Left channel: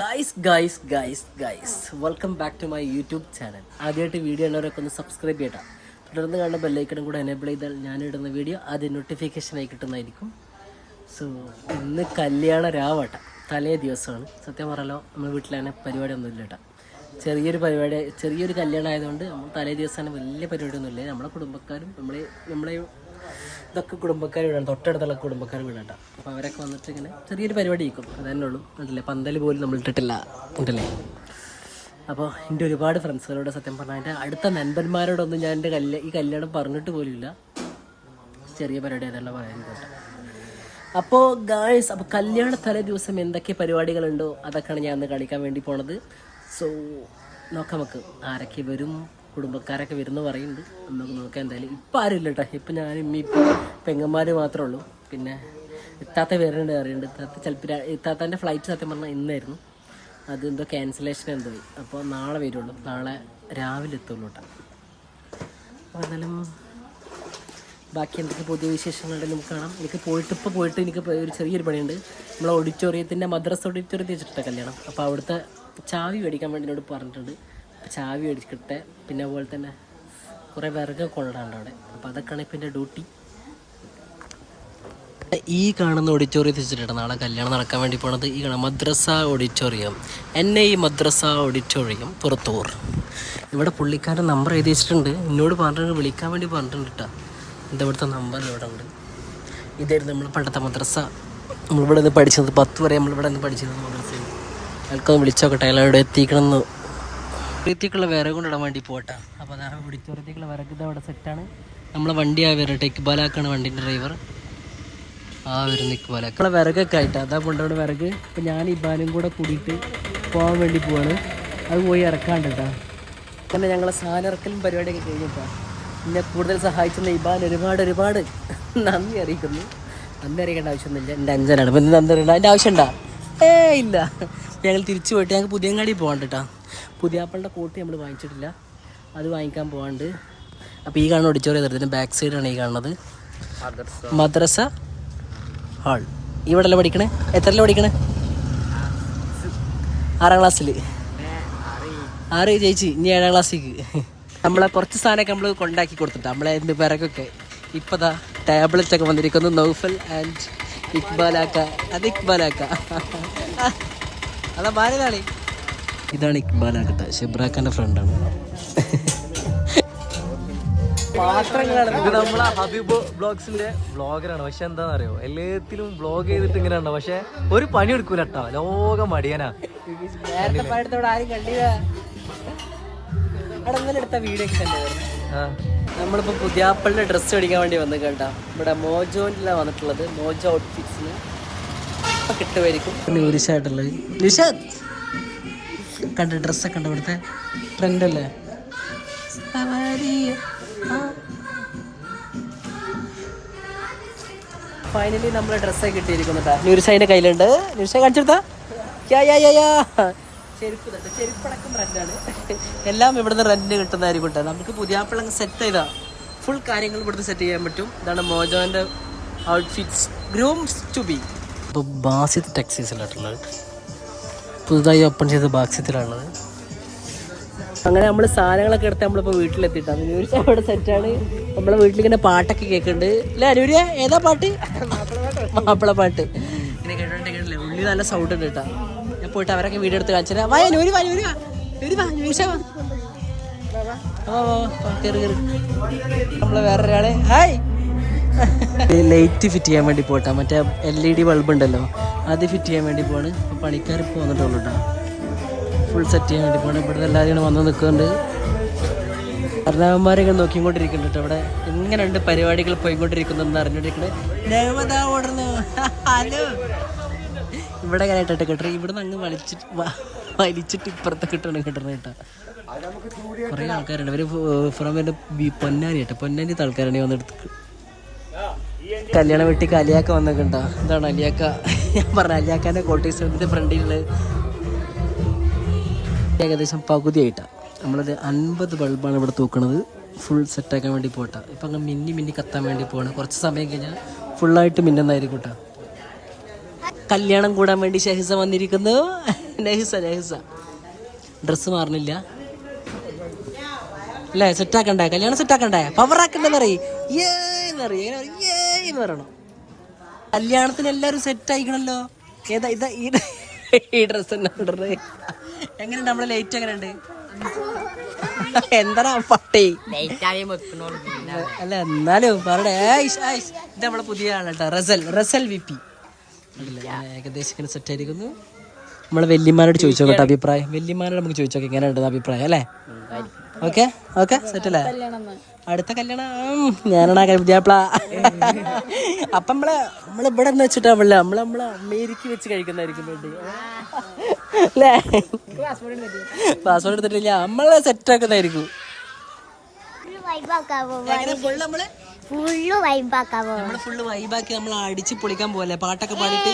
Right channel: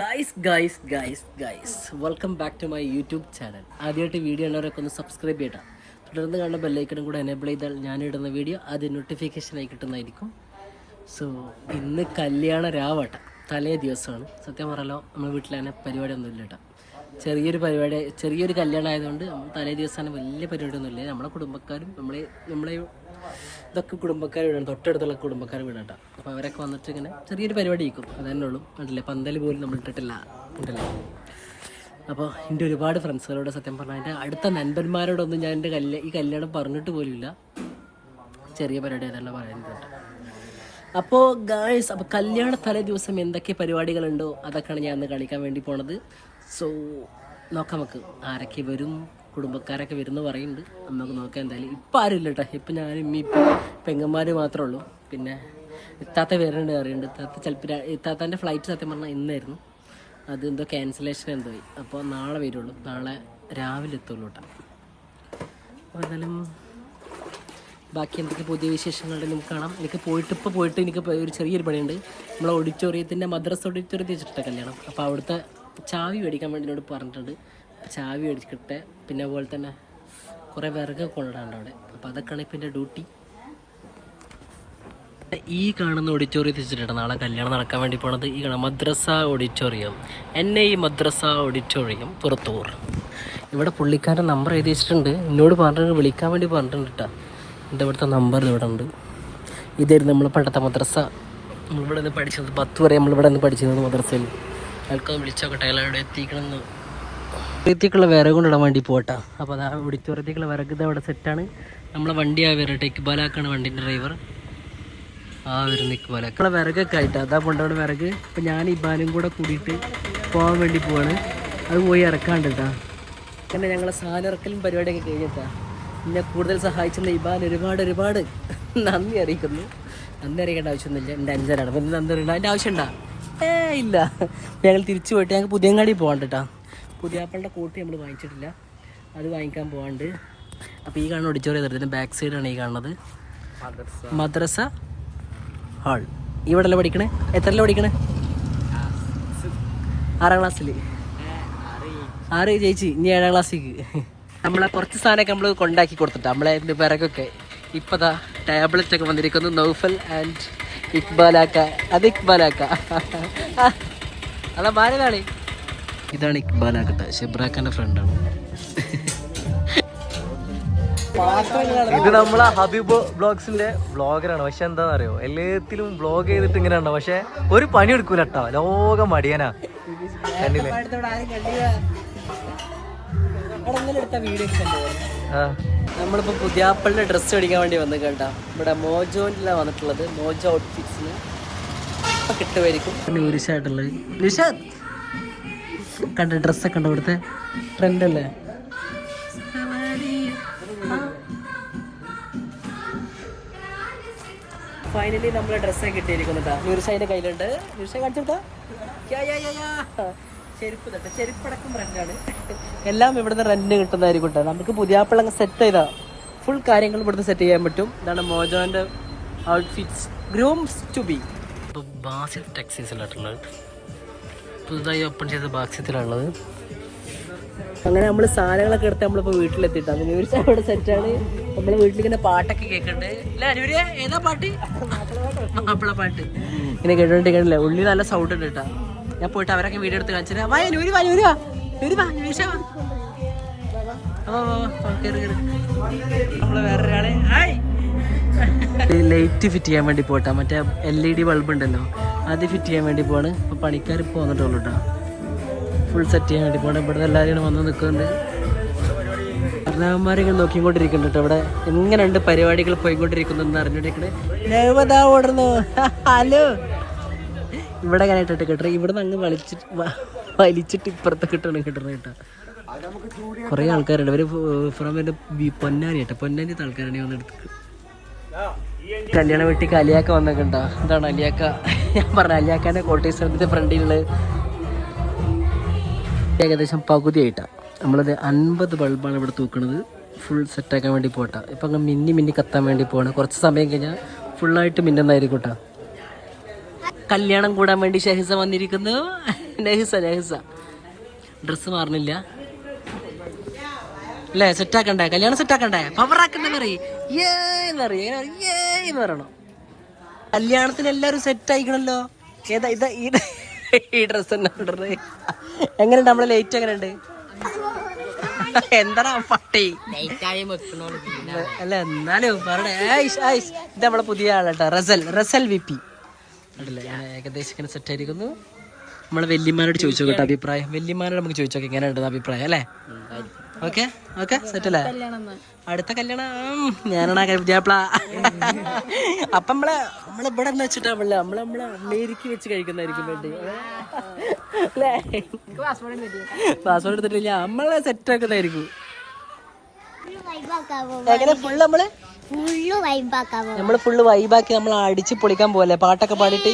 Guys welcome back to my YouTube channel. ആദ്യമായിട്ട് video ഉള്ളവരൊക്കെ ഒന്ന് സബ്സ്ക്രൈബ് ചെയ്യണം. തുടർന്ന് കാണുന്ന ബെല്ലൈക്കണും കൂടെ എനേബിൾ ചെയ്താൽ ഞാനിടുന്ന വീഡിയോ ആദ്യം നോട്ടിഫിക്കേഷനായി കിട്ടുന്നതായിരിക്കും. സോ ഇന്ന് കല്യാണ രാവട്ട തലേ ദിവസമാണ്. സത്യം പറഞ്ഞാലോ നമ്മുടെ വീട്ടിലങ്ങനെ പരിപാടിയൊന്നും ഇല്ല കേട്ടോ. ചെറിയൊരു കല്യാണം ആയതുകൊണ്ട് നമ്മൾ തലേ ദിവസമാണ് വലിയ പരിപാടിയൊന്നുമില്ല. നമ്മളെ കുടുംബക്കാരും നമ്മളെ ഇതൊക്കെ കുടുംബക്കാർ വീടാണ്, തൊട്ടടുത്തുള്ള കുടുംബക്കാർ വീടാട്ടോ. അപ്പോൾ അവരൊക്കെ വന്നിട്ട് ഇങ്ങനെ ചെറിയൊരു പരിപാടി ഇരിക്കും, അതന്നെ ഉള്ളൂ. കണ്ടില്ലേ, പന്തൽ പോലും നമ്മൾ ഇട്ടിട്ടില്ല കണ്ടില്ലേ. അപ്പോൾ എൻ്റെ ഒരുപാട് ഫ്രണ്ട്സുകളോട് സത്യം പറഞ്ഞാൽ എൻ്റെ അടുത്ത നൻപന്മാരോടൊന്നും ഞാൻ എൻ്റെ ഈ കല്യാണം പറഞ്ഞിട്ട് പോലുമില്ല. ചെറിയ പരിപാടി അതല്ല പറയാൻ കേട്ടോ. അപ്പോൾ ഗായ്സ്, അപ്പോൾ കല്യാണ തലേ ദിവസം എന്തൊക്കെ പരിപാടികളുണ്ടോ അതൊക്കെയാണ് ഞാൻ അന്ന് കാണിക്കാൻ വേണ്ടി പോണത്. സോ നോക്കാം നമുക്ക് ആരൊക്കെ വരും, കുടുംബക്കാരൊക്കെ വരുന്നു പറയുന്നുണ്ട്. നമുക്ക് നോക്കാം. എന്തായാലും ഇപ്പം ആരും ഇല്ല കേട്ടോ. ഇപ്പം ഞാനും ഇപ്പം പെങ്ങന്മാർ മാത്രമേ ഉള്ളൂ. പിന്നെ ഇത്താത്ത വരുന്നുണ്ട് അറിയുന്നുണ്ട്. ചിലപ്പോൾ ഇത്താത്താൻ്റെ ഫ്ലൈറ്റ് സത്യം പറഞ്ഞാൽ ഇന്നായിരുന്നു, അത് എന്തോ ക്യാൻസലേഷൻ എന്തോ ആയി. അപ്പോൾ നാളെ വരുള്ളൂ, നാളെ രാവിലെ എത്തുള്ളൂ കേട്ടോ. അപ്പോൾ എന്തായാലും ബാക്കി എന്തൊക്കെ പുതിയ വിശേഷങ്ങളുടെ നമുക്ക് കാണാം. എനിക്ക് പോയിട്ട് എനിക്ക് ഒരു ചെറിയൊരു പണിയുണ്ട്. നമ്മളെ ഓഡിറ്റോറിയത്തിൻ്റെ മദ്രസ ഓഡിറ്റോറിയത്തിൽ വെച്ചിട്ട കല്യാണം. അപ്പോൾ അവിടുത്തെ ചാവി മേടിക്കാൻ വേണ്ടി എന്നോട് പറഞ്ഞിട്ടുണ്ട്. ചാവി മേടിക്കട്ടെ. പിന്നെ അതുപോലെ തന്നെ കുറേ വിറക് കൊള്ളാണ്ട് അവിടെ. അപ്പോൾ അതൊക്കെയാണ് ഇപ്പം എൻ്റെ ഡ്യൂട്ടി. ഈ കാണുന്ന ഓഡിറ്റോറിയത്തിൽ വെച്ചിട്ടാണ് നാളെ കല്യാണം നടക്കാൻ വേണ്ടി പോണത്. ഈ കാണാം മദ്രസ ഓഡിറ്റോറിയം, NI മദ്രസ ഓഡിറ്റോറിയം, പുറത്തൂർ. ഇവിടെ പുള്ളിക്കാരൻ്റെ നമ്പർ എഴുതി വെച്ചിട്ടുണ്ട്. എന്നോട് പറഞ്ഞിട്ട് വിളിക്കാൻ വേണ്ടി പറഞ്ഞിട്ടുണ്ട് കേട്ടോ. എന്താ ഇവിടുത്തെ നമ്പർ ഇവിടെ ഉണ്ട്. ഇതായിരുന്നു നമ്മൾ പണ്ടത്തെ മദ്രസ. നമ്മളിവിടെ നിന്ന് പഠിച്ചത് 10 വരെ നമ്മളിവിടെ നിന്ന് പഠിച്ചിരുന്നത് മദ്രസയിൽ. അയാൾക്കൊന്ന് വിളിച്ചോക്കട്ടെ, അയാളോട് എത്തിക്കണമെന്ന്. ഓഡിറ്റോറിയത്തേക്കുള്ള വിറക് കൊണ്ടിടാൻ വേണ്ടി പോട്ടാ. അപ്പോൾ അതാ ഓഡിറ്റോറിയത്തേക്കുള്ള വിറക് ഇത് അവിടെ സെറ്റാണ്. നമ്മളെ വണ്ടിയാണ് വരുന്നത്. ഇക്ബാലാക്കാണ് വണ്ടീൻ്റെ ഡ്രൈവർ. വരുന്ന ഇക്ബാലാക്ക വിറകൊക്കെ ആയിട്ടാണ് അതാ കൊണ്ടവിടെ വിറക്. ഇപ്പം ഞാൻ ഇബാനും കൂടെ കൂടിയിട്ട് പോകാൻ വേണ്ടി പോവാണ്. അത് പോയി ഇറക്കാണ്ട് കേട്ടോ. അങ്ങനെ ഞങ്ങളെ സാധനയിറക്കലും പരിപാടിയൊക്കെ കഴിഞ്ഞിട്ടാ. എന്നെ കൂടുതൽ സഹായിച്ചെന്ന് ഇബാൻ ഒരുപാട് നന്ദി അറിയിക്കുന്നു. നന്ദി അറിയിക്കേണ്ട ആവശ്യമൊന്നുമില്ല, എൻ്റെ അഞ്ചനാണ്. ഇപ്പം എന്ത് നന്ദി അറിയണ്ട, അതിൻ്റെ ആവശ്യമുണ്ടാ? ഇല്ല. ഞങ്ങൾ തിരിച്ചു പോയിട്ട് ഞങ്ങൾക്ക് പുതിയങ്ങാടി പോകാണ്ട് കേട്ടോ. പുതിയാപ്പളുടെ കോട്ട് നമ്മൾ വാങ്ങിച്ചിട്ടില്ല, അത് വാങ്ങിക്കാൻ പോകാണ്ട്. അപ്പോൾ ഈ കാണുന്ന ഓഡിറ്റോറിയം ഇതിൻ്റെ ബാക്ക് സൈഡാണ് ഈ കാണുന്നത്, മദ്രസ ഹാൾ. ഇവിടെയല്ലേ പഠിക്കണേ? എത്രയല്ലേ പഠിക്കണേ? 6ാം ക്ലാസ്സിൽ. 6 ജയിച്ച്, ഇനി 7ാം ക്ലാസ്സിലേക്ക്. നമ്മളെ കുറച്ച് സാധനമൊക്കെ നമ്മൾ കൊണ്ടാക്കി കൊടുത്തിട്ടാ, നമ്മളെ പിറകൊക്കെ. ഇപ്പോൾ ദാ ടാബ്ലറ്റൊക്കെ വന്നിരിക്കുന്നു. നൗഫൽ ആൻഡ് ഇക്ബാലാക്ക. അത് ഇക്ബാലാക്ക അതാ ഭാര്യതാണ്. ഇതാണ് ഇക്ബാലാക്കട്ടെ, ഷെബ്രാഖാന്റെ ഫ്രണ്ടാണ്. ഇത് നമ്മളെ ഹബീബ് ബ്ലോഗ്സിന്റെ വ്ളോഗറാണ്. പക്ഷെ എന്താണെന്ന് അറിയോ, എല്ലാത്തിലും വ്ളോഗ് ചെയ്തിട്ട് ഇങ്ങനെ ഉണ്ടോ, പക്ഷെ ഒരു പണി എടുക്കൂല കേട്ടോ. ലോകം മടിയനാ. നമ്മളിപ്പോ പുതിയാപ്പളിന്റെ ഡ്രസ്സ് മേടിക്കാൻ വേണ്ടി വന്നു കേട്ടാ. ഇവിടെ മോജോയിലാണ് വന്നിട്ടുള്ളത്. മോജോ ഔട്ട്ഫിറ്റ്സിന് കിട്ടുമായിരിക്കും. നുരിശായിട്ടുള്ളത് നിഷാദ് കണ്ട ഡ്രസ്സൊക്കെ ഉണ്ട്. ഇവിടുത്തെ ട്രെൻഡ് അല്ലേ. ഫൈനലി നമ്മളെ ഡ്രസ്സൊക്കെ കിട്ടിയിരിക്കുന്നു കേട്ടോ. ന്യൂരിഷാൻ്റെ കയ്യിലുണ്ട്. ന്യൂരിഷ കാണിച്ചെടുത്താ ചെരുപ്പ് തട്ടെ. ചെരുപ്പടക്കം റെൻ്റാണ്. എല്ലാം ഇവിടുന്ന് റെൻറ്റിന് കിട്ടുന്നതായിരിക്കും കേട്ടോ. നമുക്ക് പുതിയാപ്പിളങ്ങ് സെറ്റ് ചെയ്താൽ ഫുൾ കാര്യങ്ങൾ ഇവിടുന്ന് സെറ്റ് ചെയ്യാൻ പറ്റും. ഇതാണ് മോജോൻ്റെ ഔട്ട്ഫിറ്റ്സ്, ഗ്രൂംസ് ടു ബി. ഇപ്പോൾ ബാസിത് ടെക്സ്റ്റൈൽസിലായിട്ടുള്ളത്, പുതുതായി ഓപ്പൺ ചെയ്ത ബാക്സ്യത്തിലാണുള്ളത്. അങ്ങനെ നമ്മൾ സാധനങ്ങളൊക്കെ എടുത്ത് നമ്മളിപ്പോൾ വീട്ടിലെത്തിയിട്ടാണ്. ന്യൂരിഷ അവിടെ സെറ്റാണ്. നമ്മളെ വീട്ടിലിങ്ങനെ പാട്ടൊക്കെ കേൾക്കുന്നുണ്ട് അല്ലേ അനൂരിയ? ഏതാ പാട്ട്? മാപ്പിള പാട്ട് ഇങ്ങനെ കേട്ടോണ്ടിരിക്കണില്ലേ. ഉള്ളിൽ നല്ല സൗണ്ട് ഉണ്ട് കേട്ടോ. ഞാൻ പോയിട്ട് അവരൊക്കെ വീഡിയോ എടുത്ത് കാണിച്ചാൽ വാ നൂരി വാ നൂരി വാ നൂരി വാ ന്യൂരിഷ വാ. നമ്മള് വേറൊരാള് ഹായ് ലൈറ്റ് ഫിറ്റ് ചെയ്യാൻ വേണ്ടി പോട്ടാ. മറ്റേ LED ബൾബ് ഉണ്ടല്ലോ, അത് ഫിറ്റ് ചെയ്യാൻ വേണ്ടി പോവാണ്. അപ്പോൾ പണിക്കാർ ഇപ്പോൾ വന്നിട്ടുള്ളൂ കേട്ടോ. ഫുൾ സെറ്റ് ചെയ്യാൻ വേണ്ടി പോകണം. ഇവിടെ എല്ലാവരും വന്ന് നിൽക്കുന്നുണ്ട്. ഭരണാകന്മാരെ നോക്കിക്കൊണ്ടിരിക്കുന്നുണ്ട് കേട്ടോ. ഇവിടെ എങ്ങനെയുണ്ട് പരിപാടികൾ പോയിക്കൊണ്ടിരിക്കുന്നതെന്ന് അറിഞ്ഞോണ്ടിരിക്കണേ. നവതാ ഓടുന്നു. ഹലോ. ഇവിടെ എങ്ങനെ ഇട്ടിട്ട് കിട്ടണം. ഇവിടുന്ന് അങ്ങ് വലിച്ചിട്ട് ഇപ്പുറത്ത് കിട്ടണം കേട്ടോ. കുറേ ആൾക്കാരുണ്ട്. ഇവർ ഫ്രം എൻ്റെ പൊന്നാനി കേട്ടോ. പൊന്നാനിത്തെ ആൾക്കാരാണ് വന്നെടുത്ത്. കല്യാണം വീട്ടിൽ അലിയാക്ക വന്നിട്ടുണ്ടോ? ഇതാണ് അലിയാക്ക. ഞാൻ പറഞ്ഞ അലിയാക്കാൻ്റെ കോട്ടേഴ്സിൻ്റെ ഫ്രണ്ടിലുള്ള ഏകദേശം പകുതിയായിട്ടാണ്. നമ്മളത് 50 ബൾബാണ് ഇവിടെ തൂക്കണത്. ഫുൾ സെറ്റാക്കാൻ വേണ്ടി പോട്ടാ. ഇപ്പം അങ്ങ് മിന്നി കത്താൻ വേണ്ടി പോകണം. കുറച്ച് സമയം കഴിഞ്ഞാൽ ഫുള്ളായിട്ട് മിന്നുന്നതായിരിക്കും കേട്ടോ. കല്യാണം കൂടാൻ വേണ്ടി ഷെഹിസ വന്നിരിക്കുന്നു. നെഹിസ ഡ്രസ്സ് മാറുന്നില്ല അല്ലേ? സെറ്റാക്കണ്ടേ? കല്യാണം സെറ്റാക്കണ്ടേ? പവറാക്കണ്ടെന്ന് പറയണം. കല്യാണത്തിന് എല്ലാരും സെറ്റ് ആയിക്കണല്ലോ. ഏതാ ഇതാ ഈ ഡ്രസ് എങ്ങനെയുണ്ട്? നമ്മളെ ലേറ്റ് എങ്ങനെയുണ്ട്? എന്താ പട്ടി അല്ല എന്നാലും പറയണേ. ഇത് നമ്മളെ പുതിയ ആളാട്ടോ, റസൽ വിപി. ഏകദേശം ഇങ്ങനെ സെറ്റ് ആയിരിക്കുന്നു. നമ്മളെ വല്യമാനോട് ചോദിച്ചോ കേട്ടോ അഭിപ്രായം. വല്യമാനോട് നമുക്ക് ചോദിച്ചോക്കെ എങ്ങനെയുണ്ട് അഭിപ്രായം അല്ലേ? ഓക്കെ സെറ്റല്ലേ? അടുത്ത കല്യാണം ഞാനാണ് പുതിയാപ്ല. അപ്പൊ നമ്മളിവിടെ വെച്ചിട്ടാ നമ്മളെ അമേരിക്ക വെച്ച് കഴിക്കുന്നതായിരിക്കും വേണ്ടി അല്ലേ? പാസ്പോർട്ട് എടുത്തിട്ടില്ല, നമ്മളെ സെറ്റ് ആക്കുന്നതായിരിക്കും. എങ്ങനെ നമ്മള് ഫുള്ള് വൈബാക്കി നമ്മൾ അടിച്ച് പൊളിക്കാൻ പോലെ പാട്ടൊക്കെ പാടിയിട്ട്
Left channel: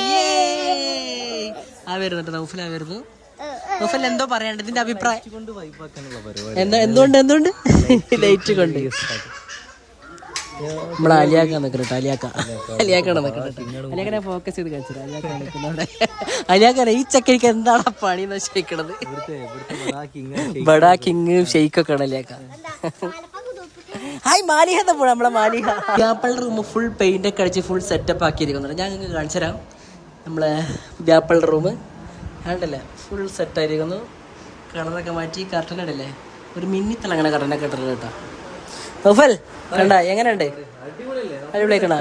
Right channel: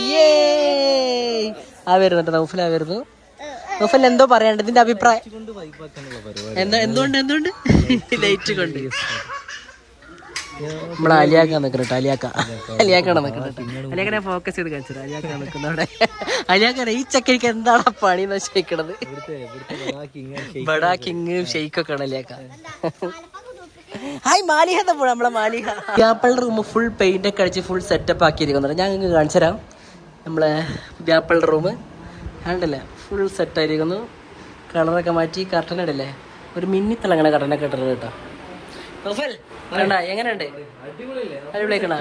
വരുന്നുണ്ട്. നൗഫല വരുന്നു. നൗഫൽ എന്തോ പറയാണ്ട് ഇതിന്റെ അഭിപ്രായം എന്തുകൊണ്ട് ലൈറ്റ് കൊണ്ട് നമ്മളെ അലിയാക്കാൻ നിൽക്കട്ടെ. അലിയാക്കാണ് നിൽക്കട്ടെ. അലിയാക്കനെ ഫോക്കസ് ചെയ്ത് കഴിച്ചത്. അലിയാക്കാൻ നിൽക്കുന്നവിടെ അലിയാക്കാണ്. ഈ ചക്കരിക്ക് എന്താണ് പണി എന്ന് വെച്ചേക്കണത്? ബഡാ കിങ് ഷെയ്ക്കൊക്കെ ആണ് അലിയാക്ക. ഹായ് മാലിഹ പോണ നമ്മളെ മാലിഹ. വ്യാപ്പളുടെ റൂം ഫുൾ പെയിന്റ് ഒക്കെ അടിച്ച് ഫുൾ സെറ്റപ്പ് ആക്കിയിരിക്കുന്നുണ്ട്. ഞാൻ നിങ്ങൾക്ക് കാണിച്ചു തരാം. നമ്മളെ വ്യാപ്പളുടെ റൂം കണ്ടല്ലേ, ഫുൾ സെറ്റായിരിക്കുന്നു. കളറൊക്കെ മാറ്റി കർട്ടൻ ഇടല്ലേ, ഒരു മിന്നിത്തിളങ്ങനെ കർട്ടനൊക്കെ ഇട്ടിട്ട് കേട്ടോ. നൗഫൽ കണ്ട എങ്ങനെയുണ്ട്? അടിപൊളിയാക്കണ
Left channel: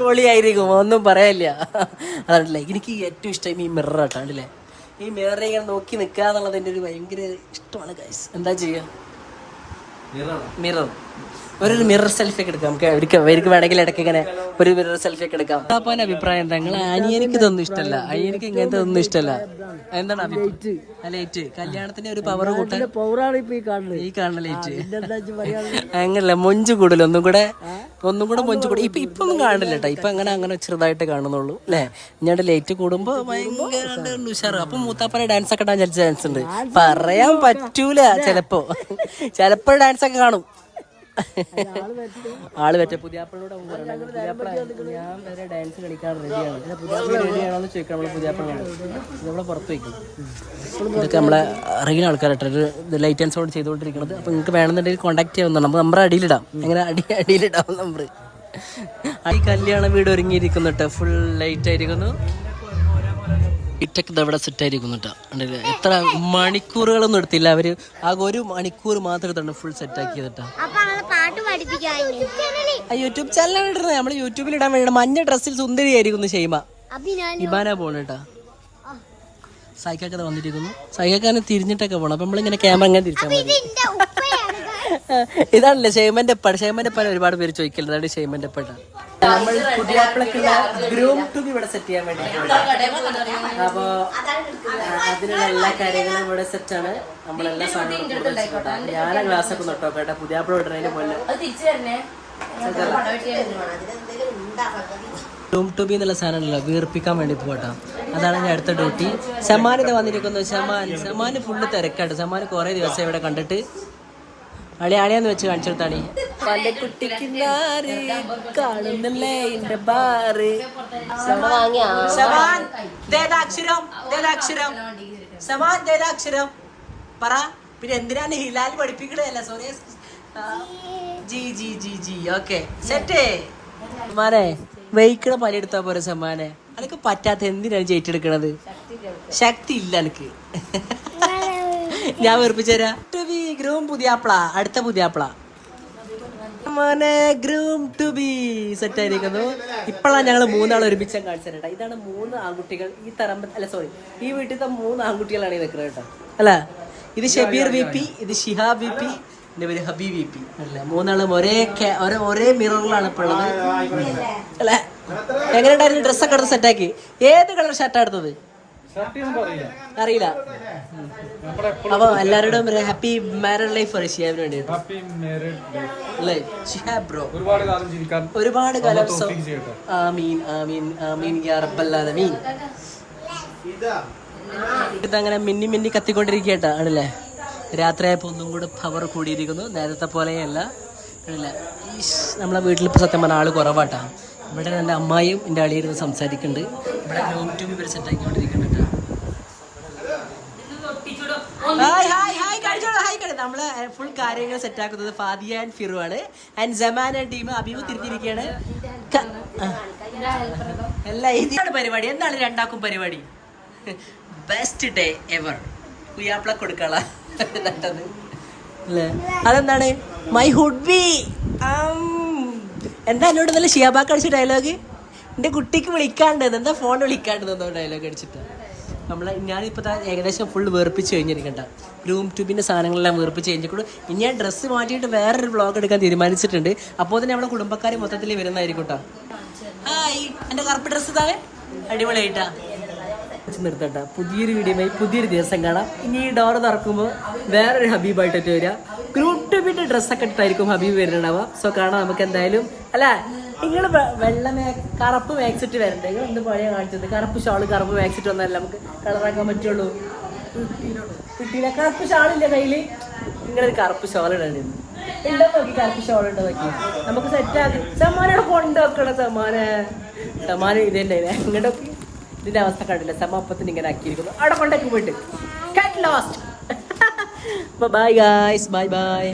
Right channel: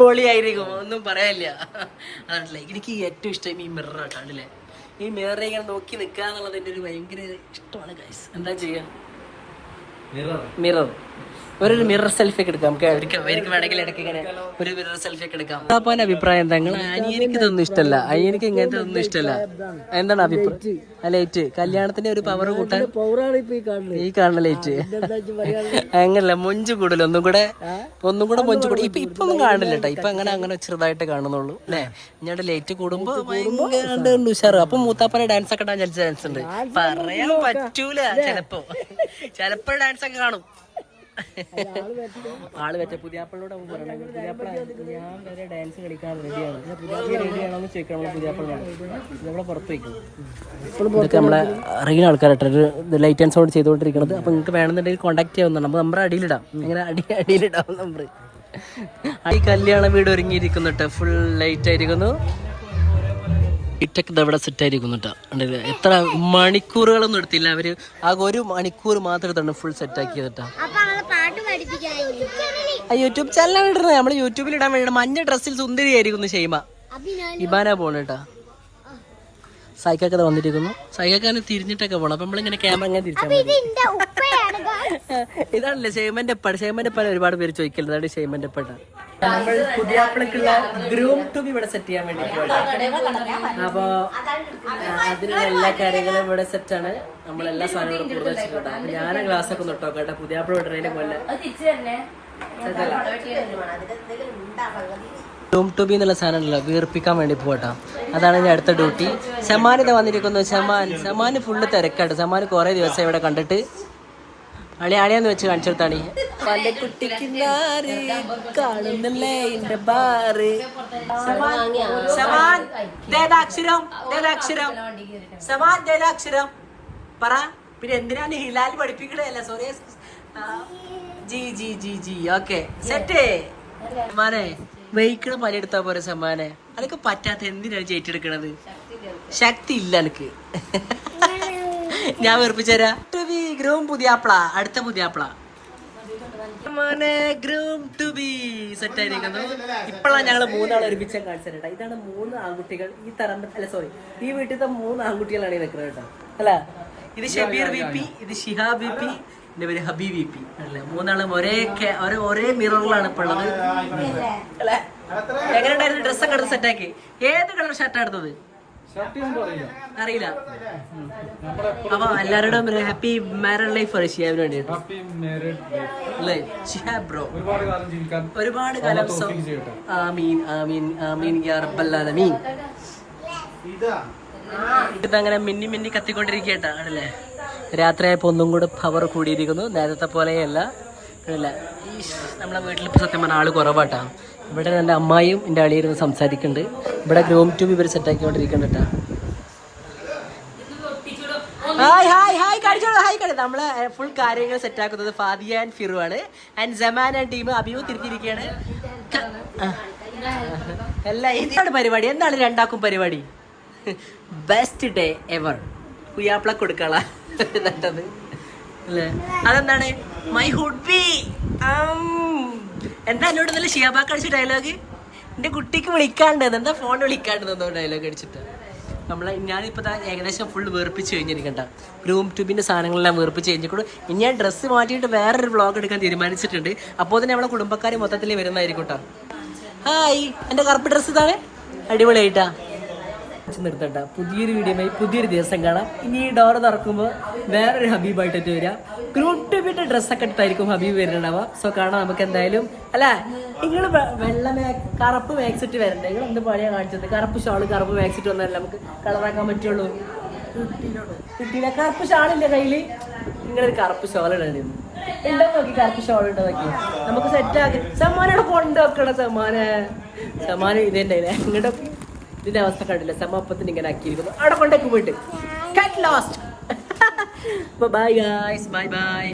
പൊളിയായിരിക്കും, ഒന്നും പറയാനില്ല. അതല്ലേ എനിക്ക് ഏറ്റവും ഇഷ്ടം ഈ മിറർ ആട്ടോ. കണ്ടില്ലേ, ഈ മിററെ ഇങ്ങനെ നോക്കി നിൽക്കുക എന്നുള്ളത് എൻ്റെ ഒരു ഭയങ്കര ഇഷ്ടമാണ് ഗൈസ്. എന്താ ചെയ്യുക? മിറർ ഒരു മിറർ സെൽഫി ഒക്കെ എടുക്കാം. നമുക്ക് അവർക്ക് വേണമെങ്കിൽ ഇടയ്ക്ക് ഇങ്ങനെ ഒരു മിറർ സെൽഫി ഒക്കെ എടുക്കാം. അപ്പൊ അഭിപ്രായം എന്താ? അനിയനിക്ക് ഇതൊന്നും ഇഷ്ടമല്ല, അനിയനിക്ക് ഇങ്ങനത്തെ ഒന്നും ഇഷ്ടമല്ല. എന്താണ് അഭിപ്രായം? ലൈറ്റ് കല്യാണത്തിന്റെ ഒരു പവർ കൂട്ടാൻ ഈ കാണുന്ന ലൈറ്റ് അങ്ങനല്ല, മൊഞ്ച് കൂടുതൽ ഒന്നും കൂടെ മൊഞ്ച് കൂടെ. ഇപ്പൊ ഒന്നും കാണില്ല കേട്ടോ. ഇപ്പൊ അങ്ങനെ ചെറുതായിട്ട് കാണുന്നുള്ളൂ അല്ലേ? ഇങ്ങോട്ട് ലൈറ്റ് കൂടുമ്പോ ഭയങ്കര ഉഷാറ്. അപ്പൊ മൂത്താപ്പനെ ഡാൻസ് ഒക്കെ ഇടാൻ ചാൻസ് ഉണ്ട്. പറയാൻ പറ്റൂല, ചിലപ്പോ ഡാൻസ് ഒക്കെ കാണും. ആള് പറ്റ പുതിയാപ്പിളോട് പറയണത്, പുതിയാപ്പിള ഞാൻ വരെ ഡാൻസ് കളിക്കാൻ റെഡിയാണോന്ന് ചോദിക്കണം നമ്മള് പുതിയാപ്പിളോട്. നമ്മളെ പുറത്ത് വയ്ക്കും. ഇതൊക്കെ നമ്മളെ അറിയുന്ന ആൾക്കാരായിട്ട് ലൈറ്റ് ആൻഡ് സൗണ്ട് ചെയ്തുകൊണ്ടിരിക്കുന്നത്. അപ്പൊ നിങ്ങൾക്ക് വേണമെന്നുണ്ടെങ്കിൽ കോൺടാക്ട് ചെയ്യാവുന്നതാണ്. നമുക്ക് നമ്പർ അടിയിലിടാം. എങ്ങനെ അടിയിലിടാം നമ്പർ. ഈ കല്യാണ വീട് ഒരുങ്ങിയിരിക്കുന്നു കേട്ടോ. ഫുൾ ലൈറ്റ് ആയിരിക്കുന്നു. ഇറ്റൊക്കെ ഇവിടെ സെറ്റ് ആയിരിക്കുന്നു കേട്ടോ. എത്ര മണിക്കൂറുകളൊന്നും എടുത്തില്ല അവര്, ആകെ 1 മണിക്കൂർ മാത്രം തന്നെ ഫുൾ സെറ്റ് ആക്കിയത് കേട്ടോ. യൂട്യൂബ് ചാനലാണ് ഇടുന്നത്. നമ്മള് യൂട്യൂബിൽ ഇടാൻ വേണ്ടി മഞ്ഞ ഡ്രസ്സിൽ സുന്ദരിയായിരിക്കുന്നു ഷെയ്മ. ഇബാന പോണ കേട്ടാ. സൈക്കൊക്കെ വന്നിരിക്കുന്നു. സൈക്കൊക്കെ തിരിഞ്ഞിട്ടൊക്കെ പോണം. അപ്പൊ നമ്മളിങ്ങനെ ക്യാമറ ഇങ്ങനെ തിരിച്ചാൽ മതി. ഇതാണല്ലേ ഷെയ്മന്റെ പല ഒരുപാട് പേര് ചോദിക്കലുണ്ട്. അതാണ് ഷെയ്മന്റെ പട. നമ്മൾ പുതിയാപ്പിളക്കുള്ള ഗ്രൂം ടു ബി ഇവിടെ സെറ്റ് ചെയ്യാൻ വേണ്ടി പോയിട്ടാണ്. അപ്പൊ അതിനുള്ള എല്ലാ കാര്യങ്ങളും ഇവിടെ സെറ്റാണ്. നമ്മളെല്ലാ സാധനങ്ങളും കൂടുതൽ വെച്ചിട്ടുണ്ട്. അപ്പൊ ഞാൻ ഗ്ലാസ്സൊക്കെ ഒന്ന് ഇട്ടോ കേട്ടോ. പുതിയാപ്പിള ഇടുന്നതിന് പോലെ ഗ്രൂം ടു ബി എന്നുള്ള സാധനമല്ല, വീർപ്പിക്കാൻ വേണ്ടി പോകട്ടാ. അതാണ് ഞാൻ അടുത്ത ഡ്യൂട്ടി. ഷമാനിത വന്നിരിക്കുന്നത്. ഷമാന് ഫുള്ള് തിരക്കാണ്. ഷമാന് കുറെ ദിവസം ഇവിടെ കണ്ടിട്ട് അളിയാളിയാന്ന് വെച്ച് കാണിച്ചെടുത്താണ്. പല കുട്ടിക്ക് കാണുന്നില്ലേ എന്റെ ബാറ്. അക്ഷരം പറ. പിന്നെ എന്തിനാണ് ഹിലാൽ പഠിപ്പിക്കണല്ല? Sorry ji okay set. സമ്മാനെ വെയ്ക്കണ പണിയെടുത്താ പോരെ സമ്മാനെ. അതൊക്കെ പറ്റാത്ത എന്തിനാണ് ജയിച്ചെടുക്കണത്? ശക്തി ഇല്ല എനിക്ക്. ഞാൻ വെറുപ്പിച്ചു തരാം. ഗ്രൂം പുതിയാപ്ല, അടുത്ത പുതിയാപ്ല ഗ്രൂം ടു ബി സെറ്റ് ആയിരിക്കുന്നു. ഇപ്പോഴാണ് ഞങ്ങൾ 3 ആൾ ഒരുമിച്ച് കാണിച്ചിട്ടാ. ഇതാണ് 3 ആൺകുട്ടികൾ. ഈ വീട്ടിലത്തെ 3 ആൺകുട്ടികളാണ് ഈ വെക്കുന്നത് കേട്ടോ. അല്ല, ഇത് ഷബീർ വി പി, ഇത് ഷിഹാബ് വി പി, എന്റെ പേര് ഹബീബ് വി പി. അല്ലേ, 3 ആളും ഒരേ മിററിലാണ് ഇപ്പോൾ ഉള്ളത്. അല്ലെ, എങ്ങനെയുണ്ടായിരുന്നു? ഡ്രസ്സൊക്കെ എടുത്ത് സെറ്റാക്കി. ഏത് കളർ ഷർട്ടാണ് എടുത്തത്? അറിയില്ല. അപ്പൊ എല്ലാവരോടും ഹാപ്പി മാരീഡ് ലൈഫ് പറയും ഷിഹാബിന് വേണ്ടിയിട്ട്. ഷിഹാബ് ബ്രോ ഒരുപാട് കാലം. ആമീൻ ആമീൻ ആമീൻ യാ റബ്ബൽ ആലമീൻ. ഇതങ്ങനെ മിന്നി കത്തിക്കൊണ്ടിരിക്കട്ടാ ആണല്ലേ. രാത്രിയായപ്പോ ഒന്നും കൂടെ പവർ കൂടിയിരിക്കുന്നു. നേരത്തെ പോലെയല്ല. നമ്മളെ വീട്ടിൽ ഇപ്പൊ സത്യം പറഞ്ഞ ആള് കുറവാട്ടാ. ഇവിടെ എൻ്റെ അമ്മായിയും എൻ്റെ അളിയിരുന്ന് സംസാരിക്കുന്നുണ്ട്. ഇവിടെ ഗ്രൂം ട്യൂബ് ഇവർ സെറ്റാക്കിക്കൊണ്ടിരിക്കുന്നുണ്ട് കേട്ടോ. ഹായ് ഹായ് ഹായ് കഴിച്ചോളൂ ഹായ് കഴിച്ചു. നമ്മള് ഫുൾ കാര്യങ്ങൾ സെറ്റാക്കുന്നത് ഫാദിയ ആൻഡ് ഫിറു ആണ്. And Jaman and team Abhinav തിരിച്ചിരിക്കുകയാണ്. എല്ലാം എന്താണ് പരിപാടി? എന്താണ് രണ്ടാക്കും പരിപാടി? Best day ever. കുയാപ്പിള കൊടുക്കള നട്ടത് അല്ലേ? അതെന്താണ് മൈ ഹുഡ് ബി. എന്താ എന്നോട് നല്ല ഷിയാബാക്ക് അടിച്ച ഡയലോഗ്? എൻ്റെ കുട്ടിക്ക് വിളിക്കാണ്ടെന്ന്. എന്താ ഫോൺ വിളിക്കാണ്ടെന്നോ ഡയലോഗ് അടിച്ചിട്ട്. ഞാനിപ്പോൾ ഏകദേശം ഫുൾ വേർപ്പിച്ച് കഴിഞ്ഞിരിക്കണ്ട. ഗ്രൂം ട്യൂബിൻ്റെ സാധനങ്ങളെല്ലാം വേർപ്പിച്ച് കഴിഞ്ഞിട്ട് ഇനി ഞാൻ ഡ്രസ്സ് മാറ്റിയിട്ട് വേറൊരു വ്ളോഗ് എടുക്കാൻ തീരുമാനിച്ചിട്ടുണ്ട്. അപ്പോൾ തന്നെ നമ്മുടെ കുടുംബക്കാർ മൊത്തത്തിൽ വരുന്നതായിരിക്കും കേട്ടോ. ഹായ്, എൻ്റെ കറുപ്പ് ഡ്രസ്സ് ഇതാണ്, അടിപൊളിയായിട്ടാ. നിർത്തട്ട. പുതിയൊരു വീഡിയോയുമായി പുതിയൊരു ദിവസം കാണാം. ഇനി ഈ ഡോർ തുറക്കുമ്പോൾ വേറൊരു ഹബീബായിട്ടിട്ട് വരിക. ഗ്രൂം ട്യൂബിൻ്റെ ഡ്രസ്സൊക്കെ ഇട്ടായിരിക്കും ഹബീബ് വരുന്നുണ്ടാവുക. സോ കാണാം നമുക്ക് എന്തായാലും. അല്ല, നിങ്ങൾ കറുപ്പ് മാക്സിറ്റ് വരണ്ടേ? നിങ്ങൾ എന്ത് പണിയാ കാണിച്ചത്? കറുപ്പ് ഷാള് കറുപ്പ് മാക്സിറ്റ് വന്നാലേ നമുക്ക് കളറാക്കാൻ പറ്റുള്ളൂ. കിട്ടിയില്ല. കറുപ്പ് ഷാളില്ല കയ്യിൽ. നിങ്ങളൊരു കറുപ്പ് ഷാൾ ഇടേണ്ടിരുന്നു. ഉണ്ടോ നോക്കി, കറുപ്പ് ഷാൾ ഉണ്ടോ നോക്കി. നമുക്ക് സെറ്റാക്കി. സമ്മാനോടെ കൊണ്ടുവെക്കണം. സമ്മാനം ഇതന്നെ ഇങ്ങോട്ടൊക്കെ. ഇതിന്റെ അവസ്ഥ കണ്ടില്ല. സമപ്പത്തിന് ഇങ്ങനെ ആക്കിയിരിക്കുന്നു. അവിടെ കൊണ്ടേക്ക് പോയിട്ട് ബൈ ഗൈസ്, ബൈ ബൈ.